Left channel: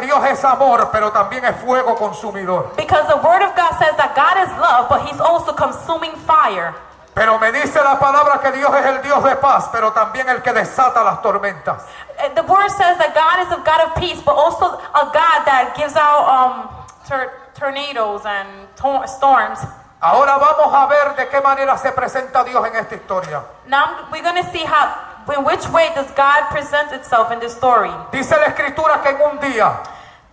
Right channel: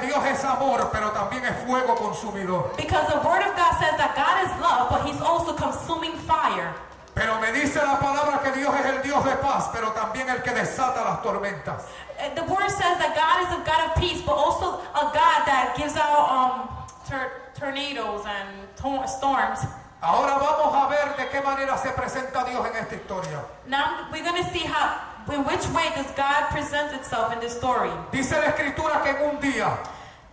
que Dios es amor, pero también es fuego consumidor. Because the word of God says that God is love, but he's also consuming fire. Pero me dice la palabra que Dios es el Dios de paz, pero también el que desata las tormentas. The word says that God is a God of peace, but also a God that gives out tornadoes and storms. Ahora vamos a ver de qué manera se presenta Dios en esta historia. Now we're going to see in which way does God present itself in this story. Dice la escritura que en un día,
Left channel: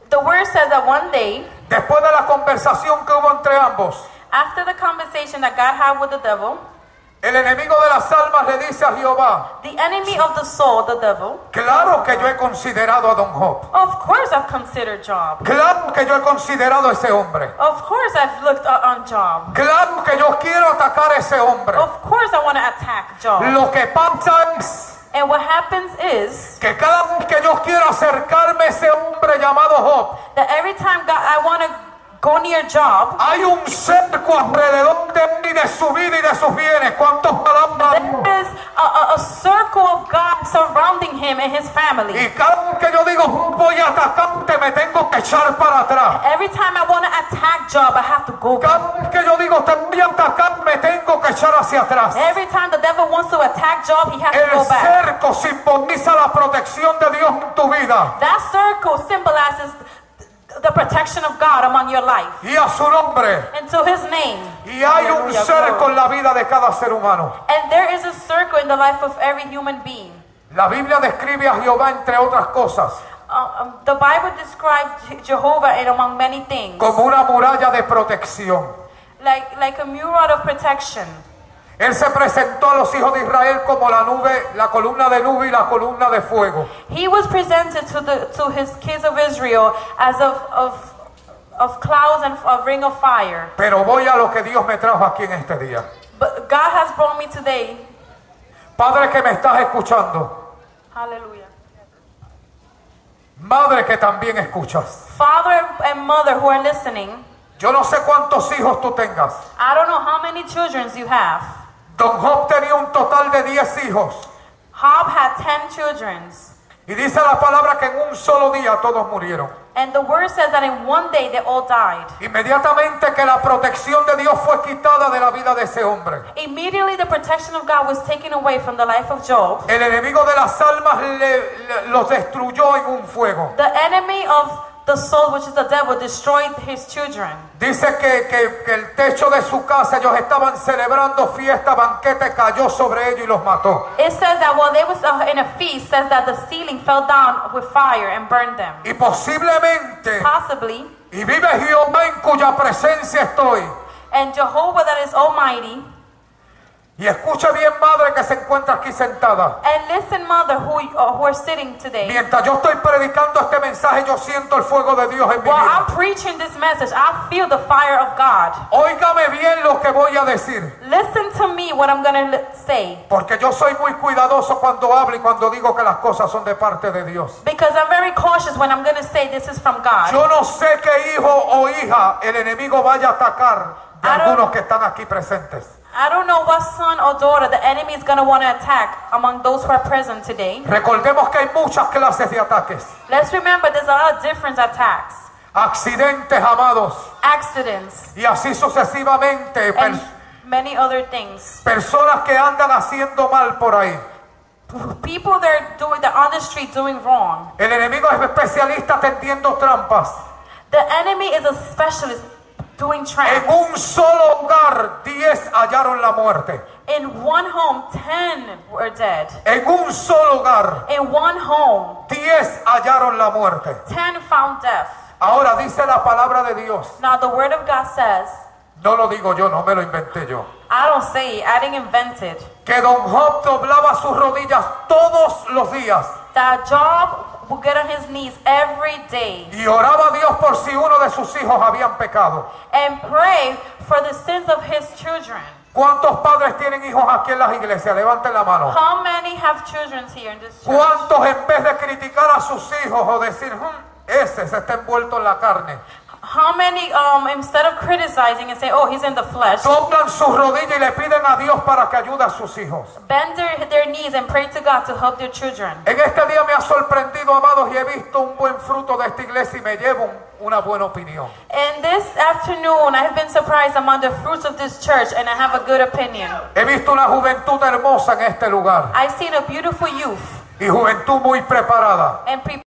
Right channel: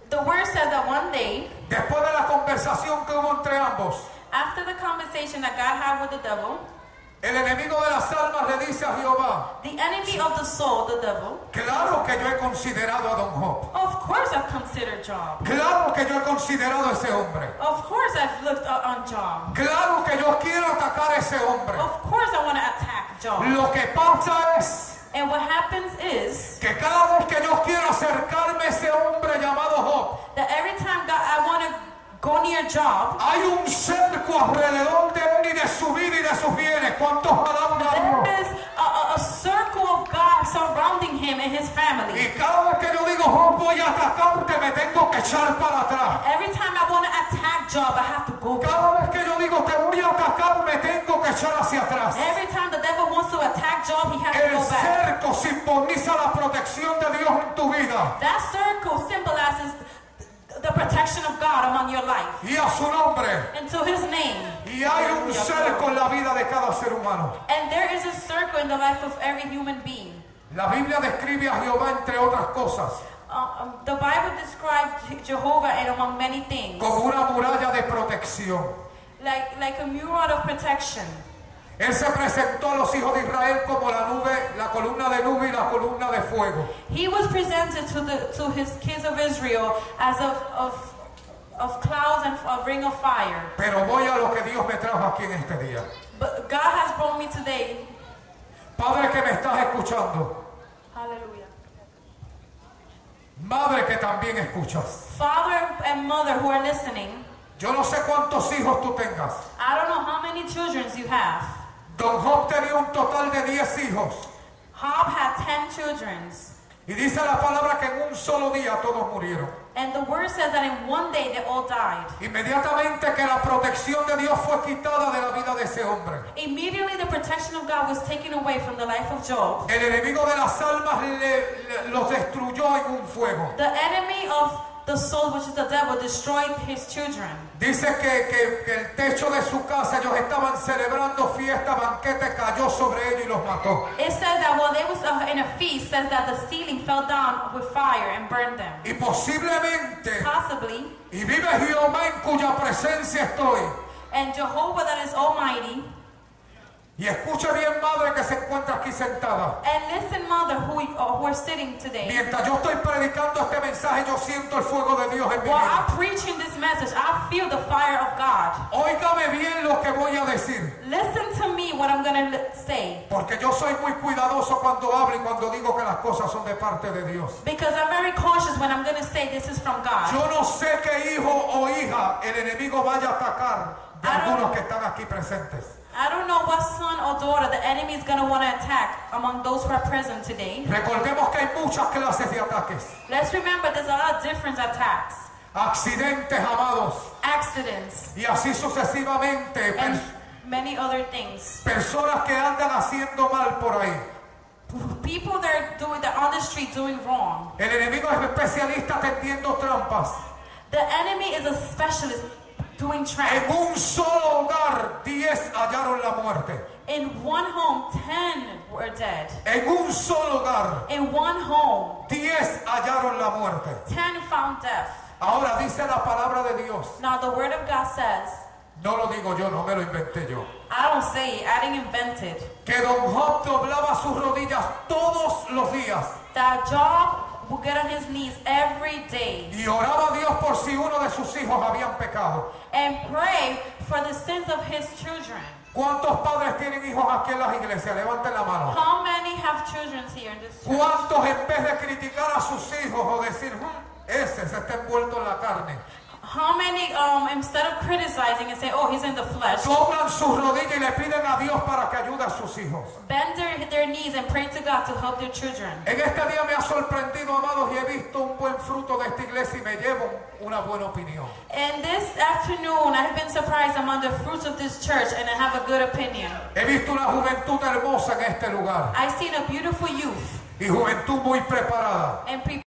The word says that one day, después de la conversación que hubo entre ambos, after the conversation that God had with the devil, el enemigo de las almas le dice a Jehová, the enemy of the soul, the devil, claro que yo he considerado a Don Job. of course I've considered Job. Claro que yo he considerado a ese hombre. Of course I've looked on Job. Claro que yo quiero atacar a ese hombre. Of course I want to attack Job. Lo que pasa es And what happens is que cada vez que yo quiero acercarme a ese hombre llamado Job, that every time I want to go near Job, hay un cerco alrededor de él y de su vida y de sus bienes. ¿Cuántos alaban? there is a circle of God surrounding him and his family. Y cada vez que yo digo Job, voy a atacarte, me tengo que echar para atrás. Every time I want to attack Job, I have to go back. Cada vez que yo digo te voy a atacar, me tengo que echar hacia atrás. Every time the devil wants to attack Job, he has to El go back. cerco simboliza la protección de Dios en tu vida That circle symbolizes the protection of God among your life. y a su nombre. And to his name. Y hay un cerco en la vida de cada ser humano. And there is a circle in the life of every human being. La Biblia describe a Jehová, entre otras cosas, The Bible describes Jehovah in among many things. como una muralla de protección. Like a mural of protection. Él se presentó a los hijos de Israel como la nube, la columna de nube y la columna de fuego. He was presented to his kids of Israel as of clouds and a ring of fire. Pero voy a lo que Dios me trajo aquí en este día. But God has brought me today. Padre que me estás escuchando, Hallelujah. madre que también escuchas. Father and mother who are listening, Yo no sé cuántos hijos tú tengas. I don't know how many children you have. Don Job tenía un total de 10 hijos. Job had 10 children. Y dice la palabra que en un solo día todos murieron. And the word says that in one day they all died. Inmediatamente que la protección de Dios fue quitada de la vida de ese hombre, Immediately the protection of God was taken away from the life of Job. el enemigo de las almas los destruyó en un fuego. The enemy of the soul, which is the devil, destroyed his children. Dice que el techo de su casa, ellos estaban celebrando fiesta, banquete, cayó sobre ellos y los mató. It says that while they was in a feast, says that the ceiling fell down with fire and burned them. Y posiblemente, Possibly, y vive Jehová en cuya presencia estoy. and Jehovah that is almighty, Y escuche bien, madre que se encuentra aquí sentada. and listen, mother, who are sitting today. Mientras yo estoy predicando este mensaje, yo siento el fuego de Dios en mi While vida. I'm preaching this message, I feel the fire of God. Óigame bien lo que voy a decir, Listen to me what I'm going to say. porque yo soy muy cuidadoso cuando hablo y cuando digo que las cosas son de parte de Dios. Because I'm very cautious when I'm going to say this is from God. Yo no sé qué hijo o hija el enemigo vaya a atacar de I don't- algunos que están aquí presentes. I don't know what son or daughter the enemy is going to want to attack among those who are present today. Recordemos que hay muchas clases de ataques. Let's remember there's a lot of different attacks, Accidentes, amados. accidents, Y así sucesivamente. and many other things. Personas que andan haciendo mal por ahí. People that are on the street doing wrong. El enemigo es especialista tendiendo trampas. The enemy is a specialist doing En traps. un solo hogar, 10 hallaron la muerte. In one home, 10 were dead. En un solo hogar, In one home, 10 hallaron la muerte. 10 found death. Ahora dice la palabra de Dios. Now the word of God says, No lo digo yo, no me lo inventé yo. I don't say it, I didn't invent it, Que Don Job doblaba sus rodillas todos los días that Job would get on his knees every day y oraba a Dios por si uno de sus hijos habían pecado. and pray for the sins of his children. ¿Cuántos padres tienen hijos aquí en las iglesias? Levanten la mano. How many have children here in this church? ¿Cuántos en vez de criticar a sus hijos o decir, ese se está envuelto en la carne? How many, instead of criticizing and say, oh, he's in the flesh, doblan sus rodillas y le piden a Dios para que ayude a sus hijos? bend their knees and pray to God to help their children. En este día me ha sorprendido, amados, y he visto un buen fruto de esta iglesia y me llevo una buena opinión. And this afternoon, I have been surprised among the fruits of this church, and I have a good opinion. He visto una juventud hermosa en este lugar I've seen a beautiful youth y juventud muy preparada. and